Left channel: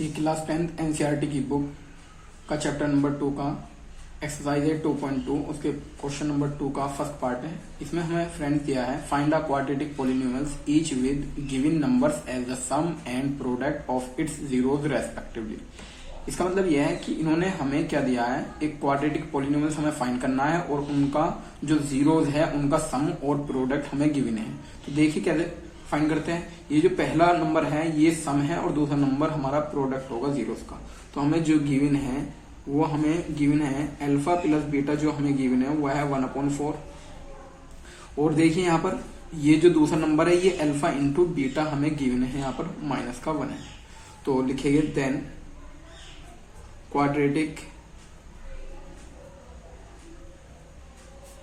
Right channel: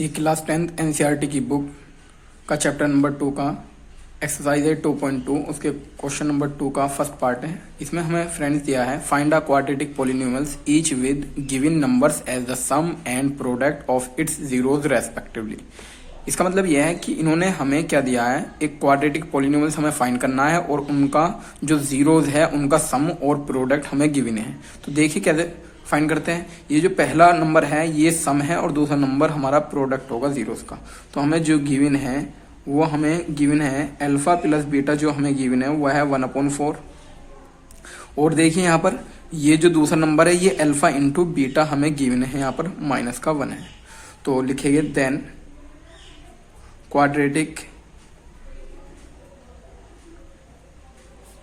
ये class 10th NCERT की book का चैप्टर नंबर 2 का एक्सरसाइज है 2.2 उसके क्वेश्चन नंबर 2 का फर्स्ट पार्ट है। इसमें हमें फ्रेंड्स दिया है find a quadratic polynomials each with given numbers as the sum and product of its zeroes respectively. इसका मतलब यह है कि इन्होंने हमें क्या दिया है, एक क्वाड्रेटिक पॉलिनोमियल्स हमें फाइंड करना है और उनका जो जीरोज है उनका सम और प्रोडक्ट हमें गिवन है। तो देखिए कैसे फाइंड करते हैं। ये जो पहला नंबर है ये सम है और दूसरा नंबर हमारा प्रोडक्ट होगा जीरोस का। तो हमें जो गिवन है वो हमें गिवन है अल्फा प्लस बीटा, जो हमें गिवन है वह है 1/4। और देखिए यहाँ पर ये जो दूसरा नंबर है ये अल्फा इंटू बीटा हमें गिवन है, यहाँ पर -1 है। तो लिखेंगे देन क्वाड्रेटिक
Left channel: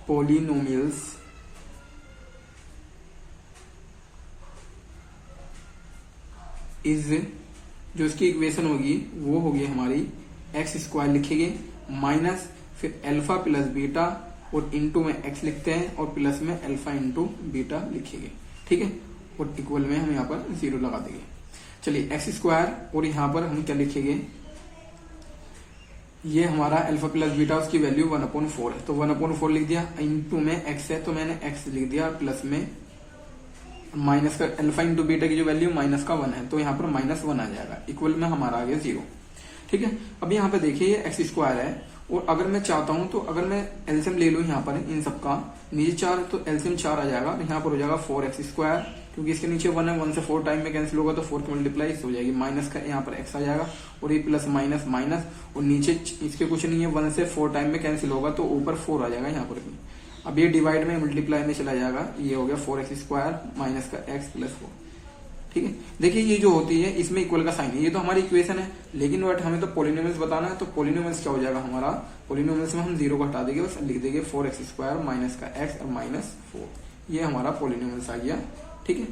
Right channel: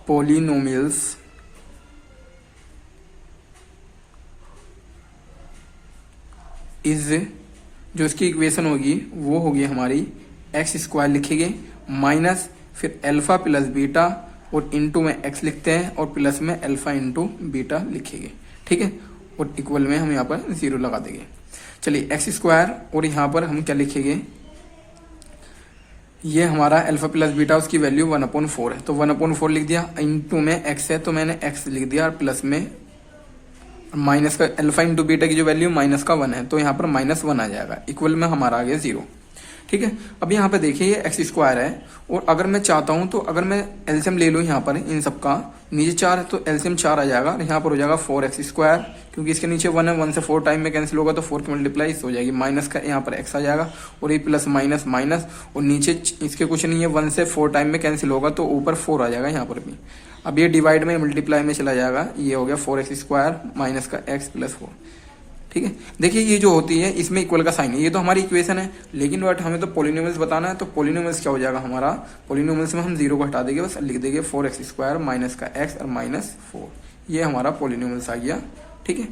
पॉलिनोमियल्स इज, जो इसकी इक्वेशन होगी वो होगी हमारी x² लिखेंगे माइनस फिर अल्फा प्लस बीटा और इंटू में x लिखते हैं और प्लस में अल्फा इंटू बीटा लिखेंगे, ठीक है। और इक्वल में हम यहाँ पर 0 लगा देंगे। चलिए x² और यहाँ पर हम क्या लिखेंगे, ये हमारा अल्फा प्लस बीटा उसकी वैल्यू 1/4 है तो 1/4 लिख दिया, इंटू में x है तो मैंने x लिख दिया और प्लस में माइनस का अल्फा इंटू बीटा की जो वैल्यू -1 है तो यहाँ पर -1 आ जाएगा, इक्वल में हमारा आ गया 0, ठीक है। अब यहाँ पे देखिए ये x² है और अगर मैं चाहता हूँ तो अगर मैं एलसीएम ले लूँ यहाँ पर इन सब का, नीचे 4 है तो एलसीएम 4 आ जाएगा और यहाँ पर हो जाएगा 4x², क्योंकि इसके नीचे 1 है, 1 से 4 टाइम में कैंसिल होगा तो 4 की मल्टीप्लाई हो जाएगी, माइनस का यहाँ पर x आ जाएगा और ये प्लस माइनस माइनस और नीचे इसके कुछ नहीं है, 1 से 4 टाइम में कैंसिल होगा तो ऊपर 4 आ जाएगा यहाँ पर भी। अब ये डिवाइड में मल्टीप्लाई में चला जाएगा, ये हो गया 4x² माइनस का x प्लस 4, ठीक है। देखिए ये जो होती है इसमें इक्वल का साइन है, ये तो हमारी इक्वेशन है, लेकिन बट हमें तो पॉलिनोमियल्स बताना है। तो पॉलिनोमियल्स क्या हो जाएगा हमारा, पॉलिनोमियल्स में हम 0 को हटा देंगे, बस लिख देंगे 4x² माइनस का x और -4, ये हमारा पॉलिनोमियल्स आ गया, ठीक है।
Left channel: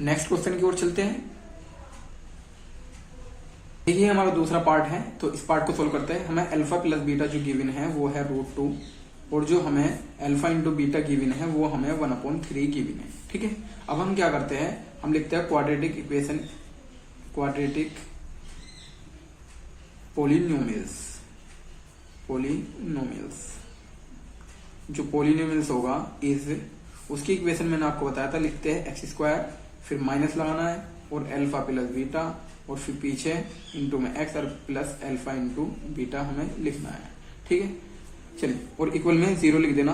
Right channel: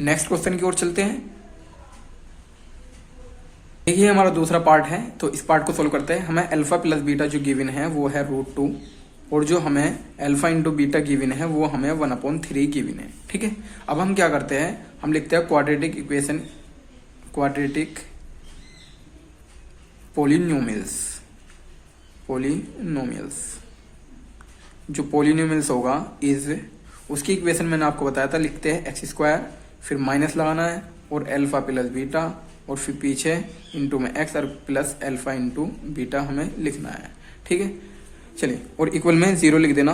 नेक्स्ट क्वेश्चन की ओर चलते हैं। देखिए हमारा दूसरा पार्ट है तो इस पार्ट को सोल्व करते हैं। हमें अल्फा प्लस बीटा जो गिवन है वो है √2 और जो हमें अल्फा इंटू बीटा गिवन है वो हमें 1/3 गिवन है, ठीक है। अब हम क्या करते हैं, हम लिखते हैं क्वाड्रेटिक इक्वेशन, क्वाड्रेटिक पॉलिनोमियल्स, जो पॉलिनोमियल्स होगा इज, उसकी इक्वेशन मैंने आपको बताया था, लिखते हैं x² फिर माइनस लगाना है और अल्फा प्लस बीटा और फिर पीछे इंटू में x और प्लस अल्फा इंटू बीटा हमें लिखना है, ठीक है। चलिए और इक्वल में 0 लिख देना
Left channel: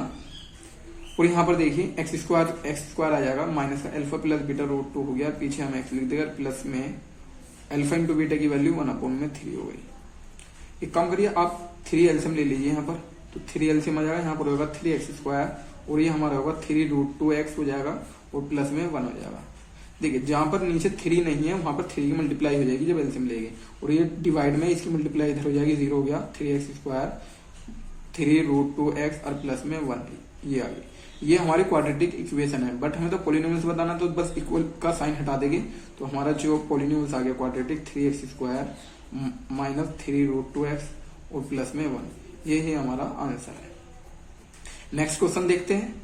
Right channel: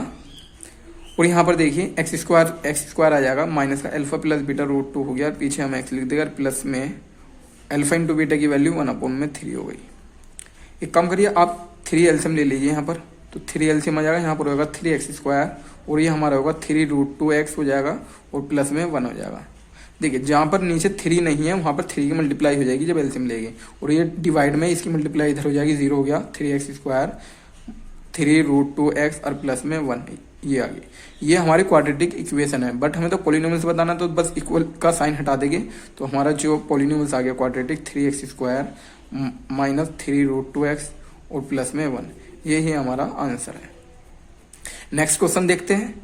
और यहाँ पर देखिए x² आ जाएगा माइनस का अल्फा प्लस बीटा √2 हो गया, पीछे हम x लिख देगा प्लस में अल्फा इंटू बीटा की वैल्यू 1/3 हो गई। एक काम करिए आप 3 एलसीएम ले लीजिए यहाँ पर, तो 3 एलसीएम आ जाएगा, यहाँ पर होगा 3x² और ये हमारा होगा 3√2x हो जाएगा और प्लस में 1 हो जाएगा। देखिए जहाँ पर नीचे 3 नहीं है वहाँ पर 3 की मल्टीप्लाई हो जाएगी जब एलसीएम लेंगे और ये डिवाइड में इसकी मल्टीप्लाई इधर हो जाएगी, 0 हो गया, 3x², 3√2x और प्लस में 1, ये आ गई। ये हमारी क्वाड्रेटिक इक्वेशन है, बट हमें तो पॉलिनोमियल्स बताना तो बस इक्वल का साइन हटा देंगे तो हमारा जो पॉलिनोमियल्स आ गया क्वाड्रेटिक 3x² माइनस 3√2x और प्लस में 1, ये ही हमारा आंसर है। नेक्स्ट क्वेश्चन देखते हैं।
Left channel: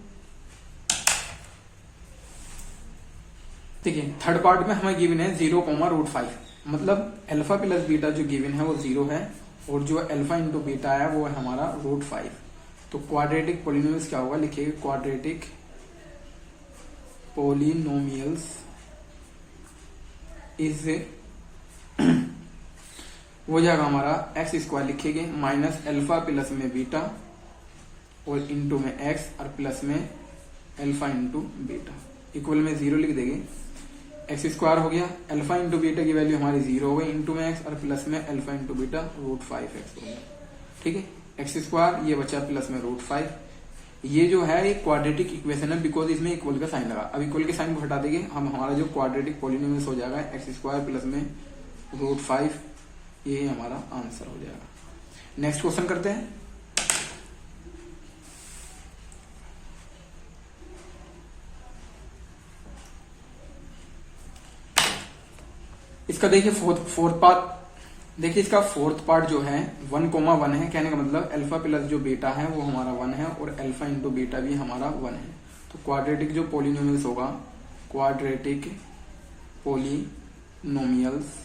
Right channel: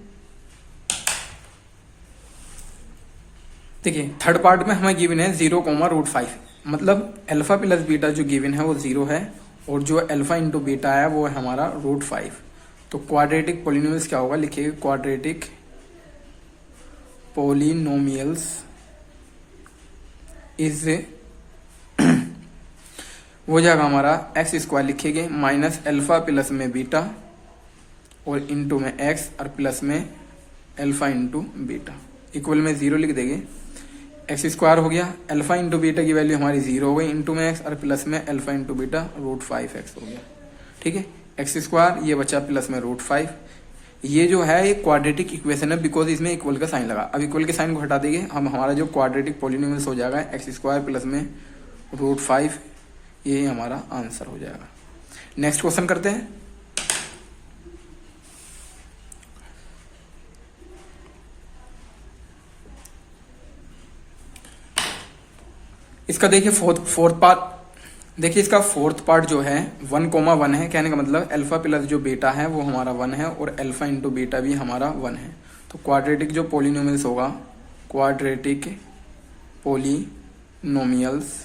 देखिए थर्ड पार्ट में हमें गिवन है 0, √5, मतलब अल्फा प्लस बीटा जो गिवन है वो 0 है और जो अल्फा इंटू बीटा है वो है हमारा √5। तो क्वाड्रेटिक पॉलिनोमियल्स क्या होगा, लिखिए क्वाड्रेटिक पॉलिनोमियल्स इज वो जाएगा हमारा x² लिखेंगे माइनस अल्फा प्लस में बीटा और इंटू में x और प्लस में अल्फा इंटू बीटा, इक्वल में 0 लिख देंगे। x² हो गया, अल्फा इंटू बीटा की वैल्यू हमारी 0 हो गई, इंटू में x और प्लस में अल्फा इंटू बीटा √5x हो गया, ठीक है। x² ये बचा प्लस में √5, ये जो है ये क्वाड्रेटिक इक्वेशन है बिकॉज इसमें इक्वल का साइन लगा। अब इक्वल के साइन को हटा देंगे, हम हमारा जो क्वाड्रेटिक पॉलिनोमियल्स हो जाएगा x² प्लस में √5, ये हमारा आंसर हो जाएगा। नेक्स्ट क्वेश्चन करते हैं। इसका देखिए फोर्थ पार्ट, देखिए इसका फोर्थ पार्ट जो है 1,1 है, कहने का मतलब अल्फा प्लस जो बीटा है वो हमारा 1 है और अल्फा इंटू बीटा भी हमारा 1 है। तो क्वाड्रेटिक जो पॉलिनोमियल्स होगा, क्वाड्रेटिक पॉलिनोमियल्स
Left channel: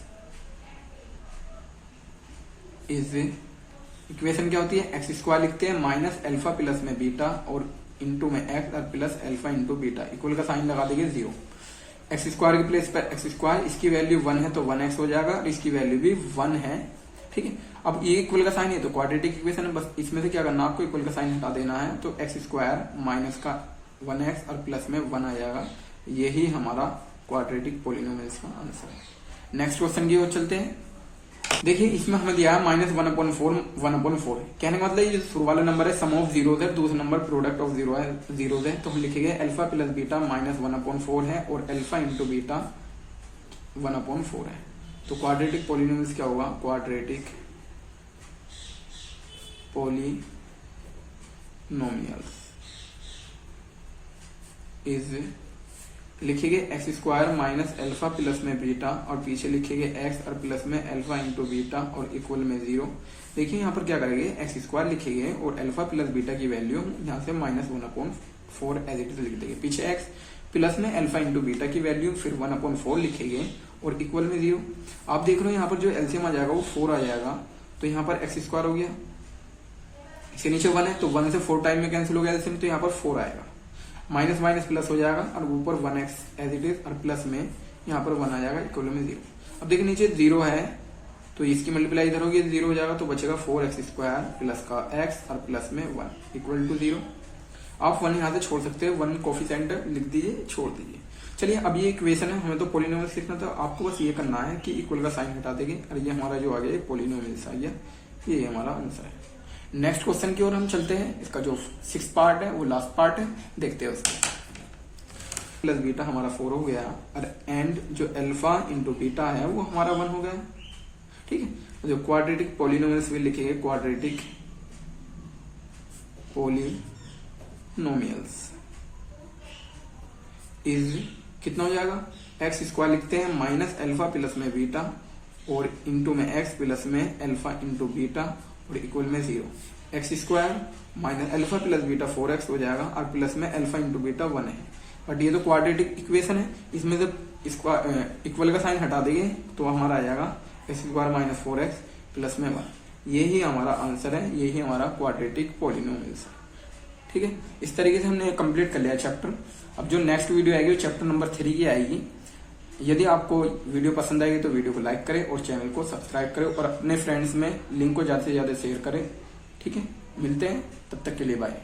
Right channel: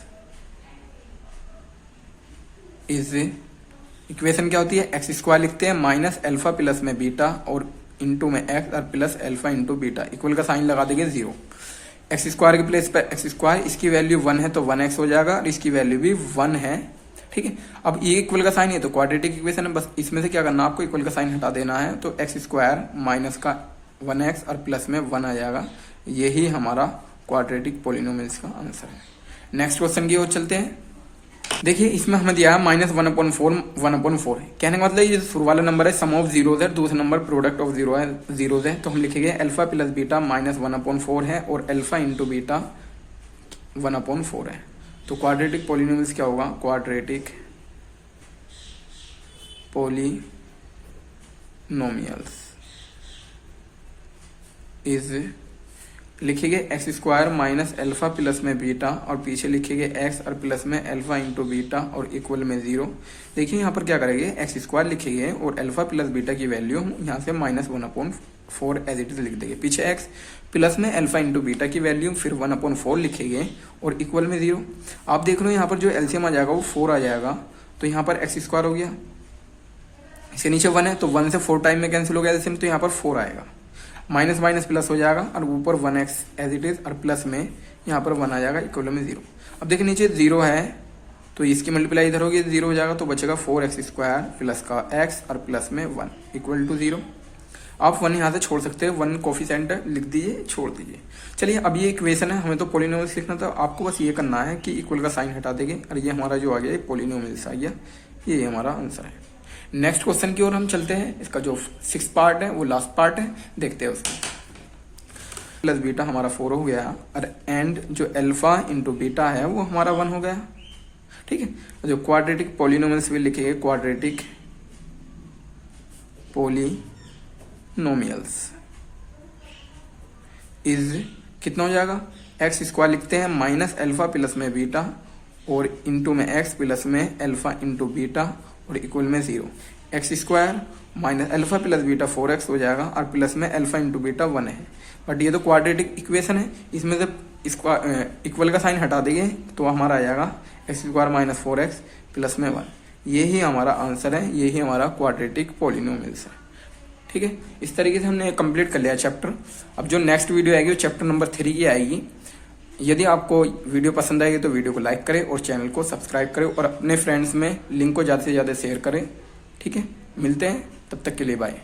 इज इक्वेशन क्या होती है, एक्स स्क्वायर लिखते हैं माइनस अल्फा प्लस में बीटा और इंटू में एक्स और plus alpha into beta, equal का साइन लगा देंगे 0। एक्स स्क्वायर के प्लेस पर एक्स स्क्वायर, इसकी वैल्यू 1 है तो 1x हो जाएगा और इसकी वैल्यू भी 1 है। ठीक है, अब ये इक्वल का साइन है तो क्वाड्रेटिक इक्वेशन है, बस इसमें से क्या करना आपको, इक्वल का साइन हटा देना है, तो एक्स स्क्वायर माइनस का 1x और प्लस में 1 आ जाएगा। यही हमारा क्वाड्रेटिक पॉलिनोमियल्स का आंसर है। नेक्स्ट क्वेश्चन की ओर चलते हैं। देखिए इसमें हमें दिया है माइनस 1/4 कहने का मतलब ये शुरू वाला नंबर है सम ऑफ जीरोज है, दूसरा नंबर प्रोडक्ट ऑफ जीरोज है, तो हम लिखेंगे अल्फा प्लस बीटा माइनस 1/4 है और अल्फा इंटू बीटा 1/4 है। तो क्वाड्रेटिक पॉलिनोमियल्स क्या होगा, क्वाड्रेटिक पॉलिनोमियल्स इज लिखेंगे x square minus alpha plus में बीटा और पीछे लिखेंगे एक्स और प्लस में अल्फा इंटू बीटा और इक्वल में 0। देखिए यहाँ पर क्या करेंगे, एक्स स्क्वायर लिखेंगे और अल्फा प्लस बीटा की वैल्यू यहाँ से माइनस 1/4 एज इट इज लिख देंगे, पीछे एक्स प्लस में अल्फा इंटू बीटा की वैल्यू फिर 1/4 लिखेंगे और इक्वल में 0। आप देख रहे हो यहाँ पर जो एलसीएम आ जाएगा वो 4 आ जाएगा, तो यहाँ पर एक्स स्क्वायर हो गया, इसके नीचे 1 है तो 1 से 4 टाइम में कैंसिल हो गया एलसीएम, तो यहाँ पर 4 आएगा, माइनस माइनस प्लस हो जाएगा और ऊपर 1x एज इट इज और प्लस में यहाँ पर 1 आ जाएगा, इक्वल में 0। अब देखिए नीचे 0 है तो इसकी मल्टीप्लाई इधर होगी, 0 हो जाएगा तो बचेगा 4x स्क्वायर प्लस का x और प्लस में 1 इक्वल टू 0। आप 1 यहाँ से छोड़ सकते हैं, 1 कोफिशिएंट लिख दीजिए, छोड़ दीजिए। चलिए अब ये इक्वेशन है, हमें तो पॉलिनोमियल्स लिखना था, आपको बस ये करना है कि इक्वल का साइन हटा देंगे और ये हमारा जो आ गया पॉलिनोमियल्स आ गया, ये हमारा आंसर है। नेक्स्ट क्वेश्चन की ओर हम चलते हैं, इसका जो 6th पार्ट है वो लास्ट पार्ट है, देखते हैं उसमें। प्लस बीटा हमारा 4 हो गया और एंड जो अल्फा इंटू बीटा है वो हमारा 1 हो गया। ठीक है, जो क्वाड्रेटिक पॉलिनोमियल्स भी लिखेंगे, क्वाड्रेटिक पॉलिनोमियल्स इज कितना हो जाएगा, एक्स स्क्वायर लिखते हैं माइनस अल्फा प्लस में बीटा और इंटू में एक्स प्लस में अल्फा इंटू बीटा और इक्वल में 0। X square minus alpha plus beta 4x हो जाएगा और प्लस में अल्फा इंटू बीटा 1 है। बट ये तो क्वाड्रेटिक इक्वेशन है, इसमें से इसका इक्वल का साइन हटा देंगे तो हमारा आ जाएगा x square minus 4x plus में 1। यही हमारा आंसर है, यही हमारा क्वाड्रेटिक पॉलिनोमियल्स है। ठीक है, इस तरीके से हमने कंप्लीट कर लिया चैप्टर। अब जो नेक्स्ट वीडियो आएगी वो चैप्टर नंबर 3 की आएगी। यदि आपको वीडियो पसंद आएगी तो वीडियो को लाइक करें और चैनल को सब्सक्राइब करें और अपने फ्रेंड्स में लिंक को ज़्यादा से ज़्यादा शेयर करें। ठीक है, मिलते हैं, तब तक के लिए बाय।